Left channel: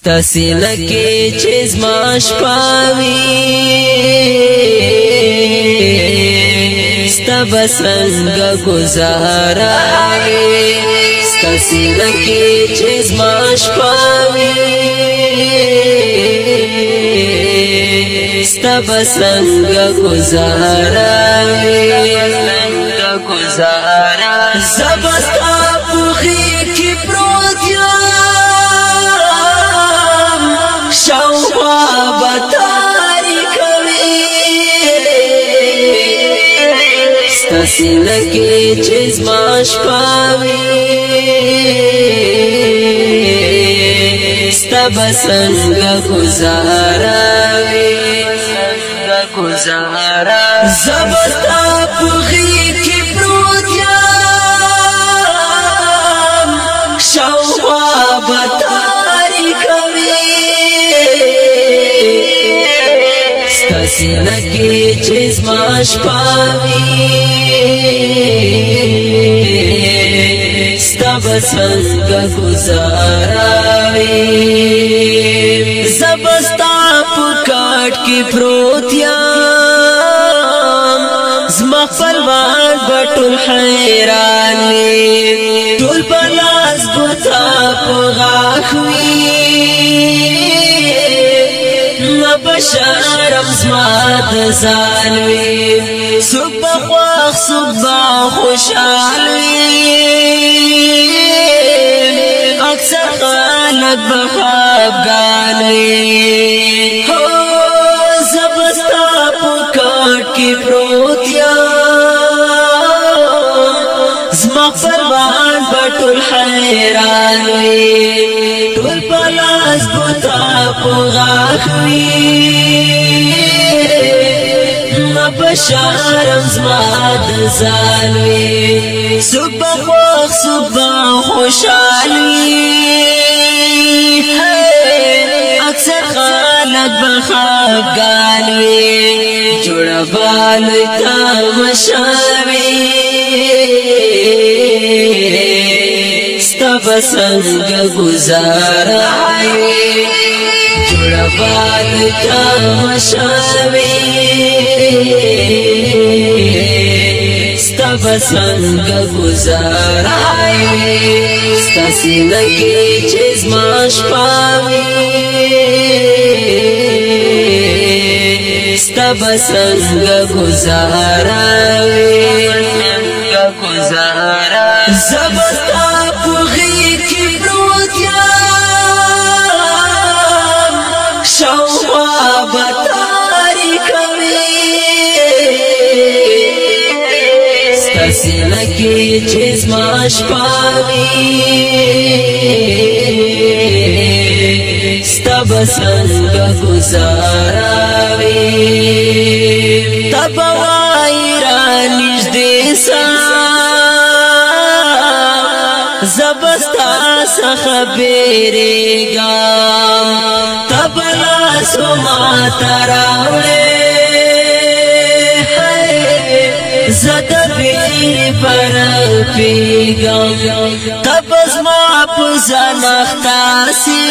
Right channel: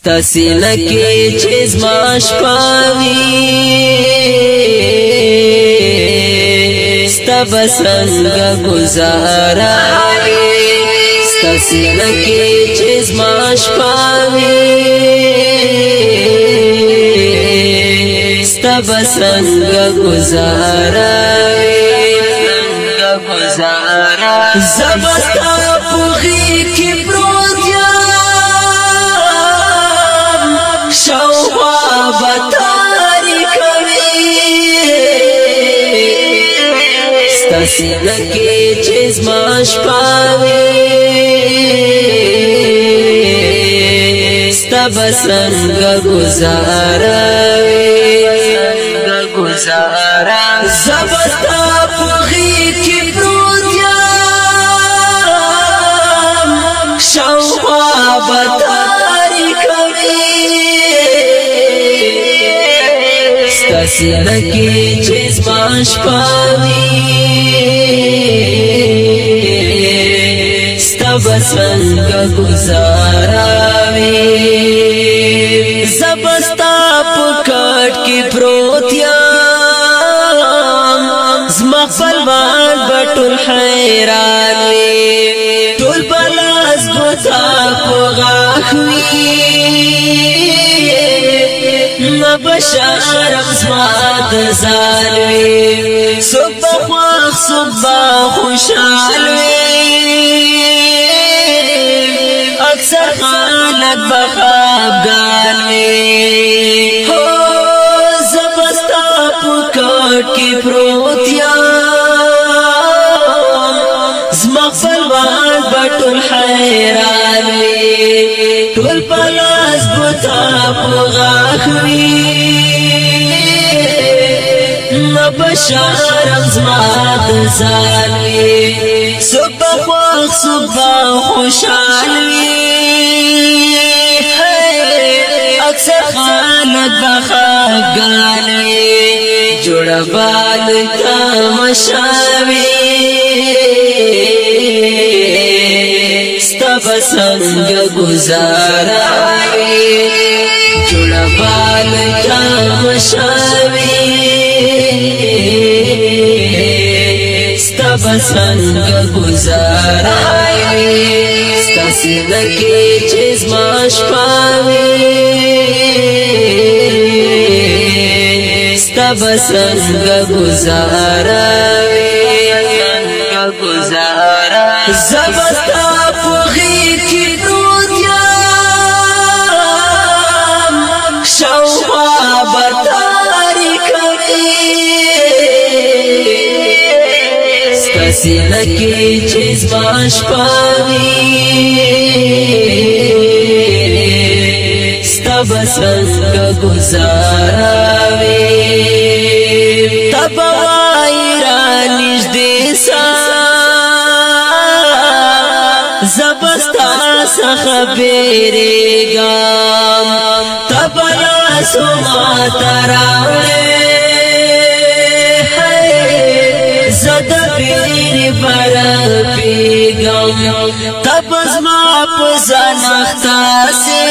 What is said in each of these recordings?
ستا سینه کې چې زما شپه وي ستا به څنګه ګزاره وي ستا سینه کې چې زما شپه وي ستا به څنګه ګزاره وي زه به ستا پوخي کې پروت یم شاوخوا به تاریکه وي ستا سینه کې چې زما شپه وي ستا به څنګه ګزاره وي زه به ستا پوخي کې پروت یم شاوخوا به تاریکه وي ستا سینه کې چې زما شپه وي ستا به څنګه ګزاره وي زه به ستا په کټ کې پروت یم زما خپلوان به ټول حیران وي ټول به لاس ګوته په غاښ وي نه به شرم زما د ځان وي څوک به خوښ څوک به خوشحال وي اکثر خلک به خفګان وي زه به ستا په کټ کې پروت یم زما خپلوان به ټول حیران وي ټول په لاس ګوته په غاښ وي نه به شرم زما د ځان وي څوک به خوښ څوک به خوشحال وي اکثر خلک به خفګان وي جوړه به لوی تماشه وي ستا به څنګه ګزاره وي جوړه به لوی تماشه وي ستا به څنګه ګزاره وي ستا سینه کې چې زما شپه وي ستا به څنګه ګزاره وي زه به ستا پوخي کې پروت یم شاوخوا به تاریکه وي ستا سینه کې چې زما شپه وي ستا به څنګه ګزاره وي ته به وایې رانږدې سه زه به ستا څخه بیریږم ته به لاسو ماته راوړې زه د بیرې برپېږم ته به زما په ځان اخته سې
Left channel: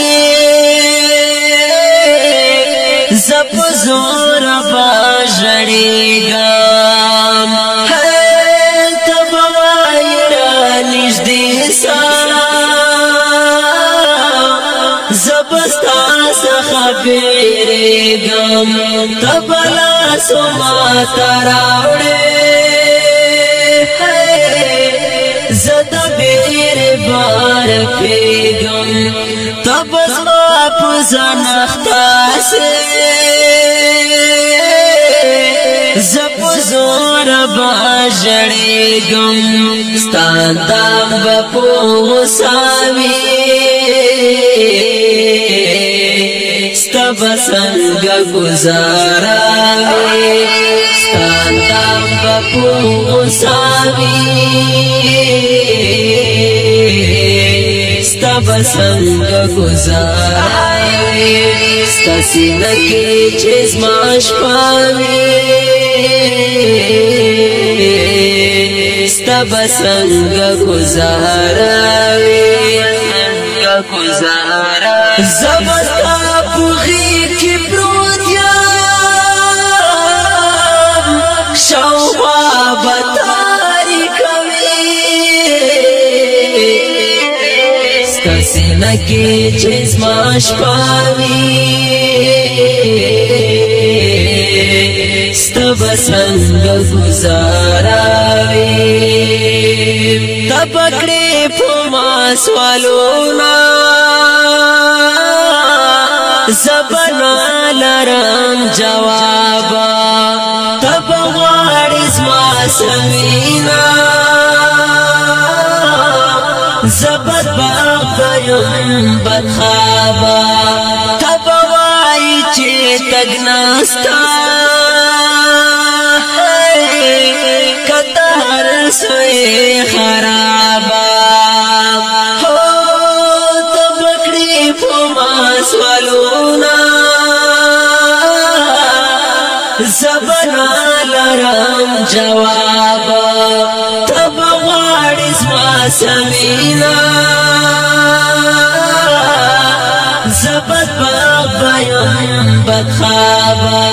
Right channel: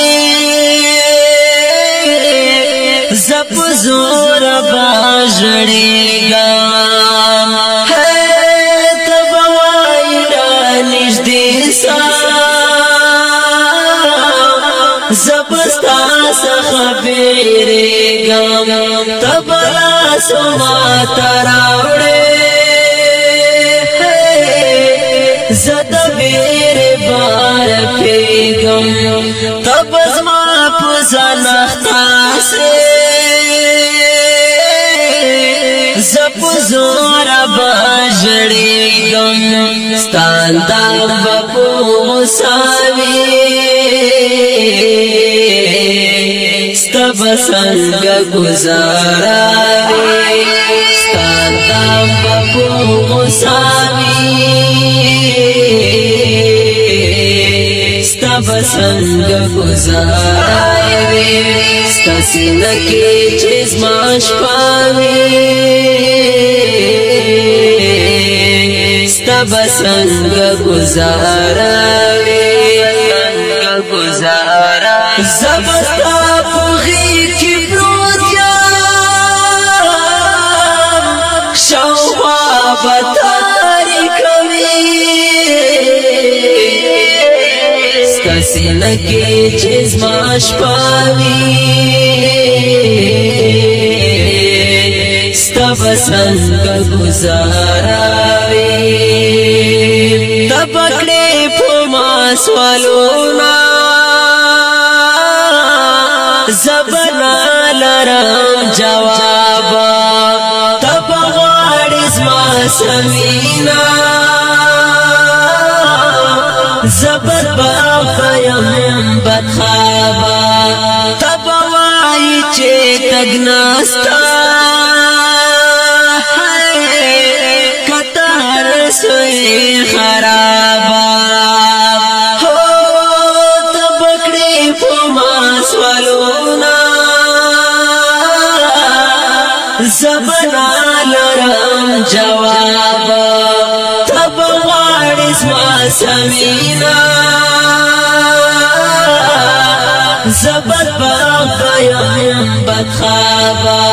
زه په زور به ژړېږم ته به وایې رانږدې سه زه به ستا څخه بیریږم ته به لاسو ماته راوړې زه د بیرې برپېږم ته به زما په ځان اخته سې زه په زوره به ژړېږم ستا اندام به په غوسه وي ستا به څنګه ګزاره وي ستا اندام به په غوسه وي ستا به څنګه ګزاره وي ستا سینه کې چې زما شپه وي ستا به څنګه ګزاره وي زبستا پوغی کی پروت یم شاوخوا بتاری کوي ستا سینه کې چې زما شپه وي ستا به څنګه گزاره وي ته به کړې په ما سوالونه زبنا لرم جوابا تب غواړې زما سوینا زبر باغ بیم بدخوابا تب وایي چې تګ نستا کته هر سوی خرابا سوالونا زبنا لرم جوابا تب غواړې زما سمینا زبد باغ بیم بدخوابا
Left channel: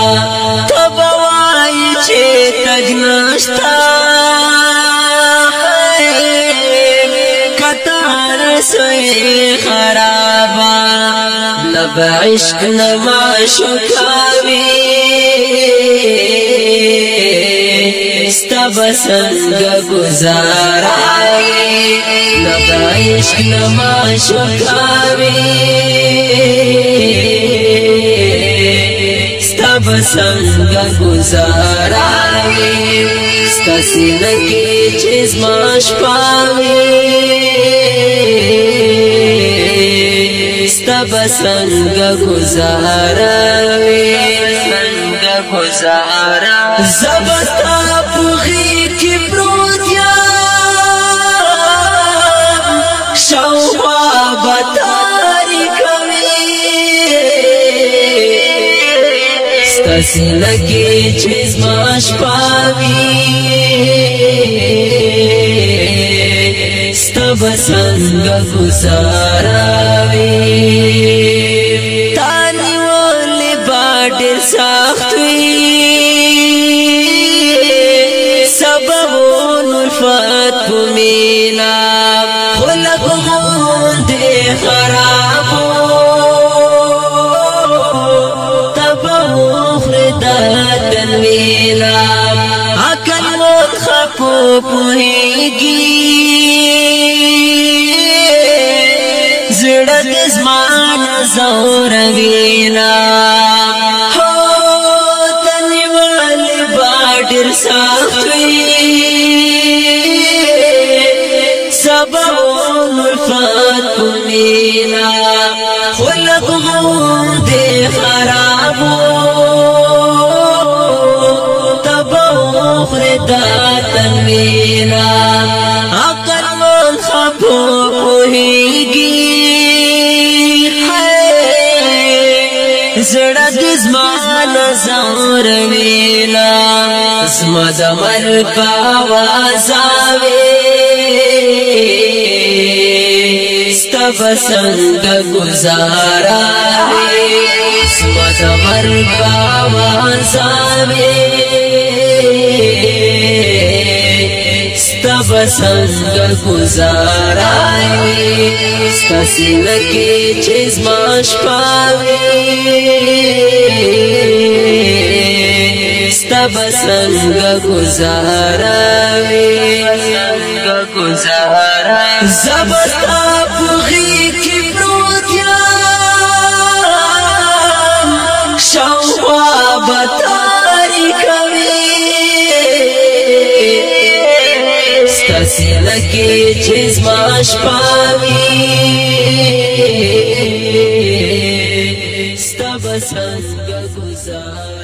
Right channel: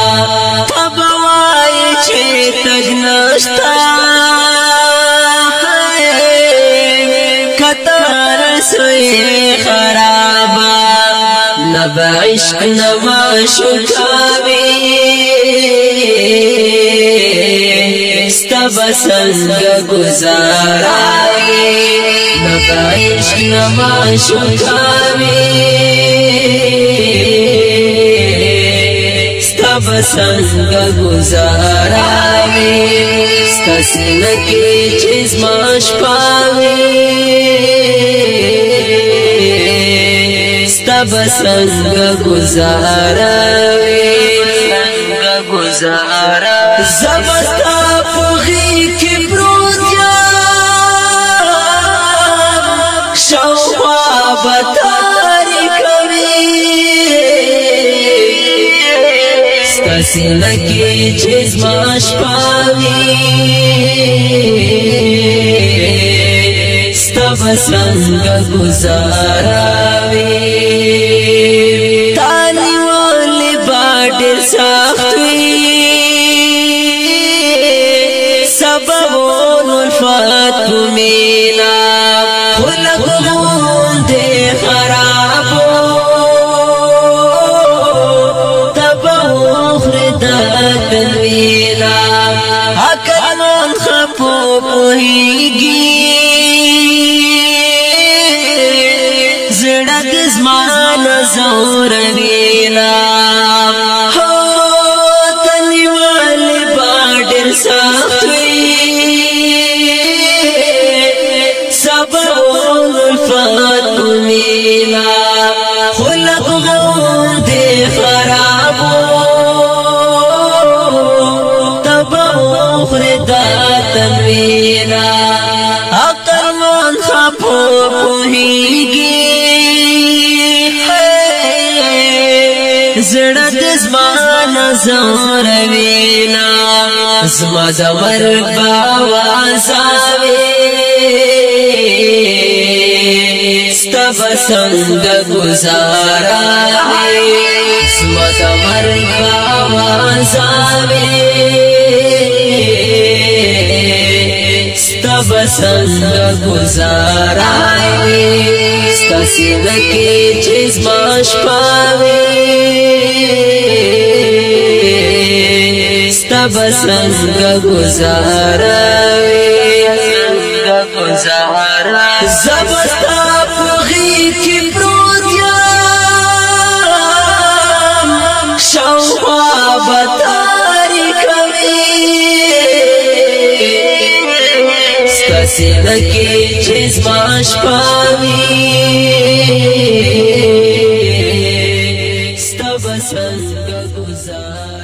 تب وایي چې تګ نشتا کته هر سوی خرابا نبا عشق نما شکاوی ستا بسنگ گزاراوی نبا عشق نما شکاوی ستا بسنگ گزاراوی ستا سینکی چیز ما شپاوی تب سنگ گزاروی سنگ گزارا زبستا پوغی کی پروت یم شاوخوا بتاری کوي ستا سینه کې چې زما شپه وي تب سنگ گزاراوی تانی والی باډر سخت وی سببون الفت پمینا خلق غوندې خرابو تب اخردا تنوینا عقل مون خپو پوهیږي زړه د زمان زور وینا هو تنیوال باډر سخت وی سببون الفت مینا خلق غوندې خرابو تبا اخردا تنوینا عقل من خپو پوهیږي زړه د زمان زور وینا زما د مرګ باوازاوي ستا بسنګ گزاراوي زما د مرګ باوازاوي ستا بسنګ گزاراوي ستا سینه کې چې زما شپه وي ستا بسنګ گزاروي زبستا پوغی کی پروت یم شاوخوا بتاری کوي ستا سینه کې چې زما شپه وي ستا بسنګ گزار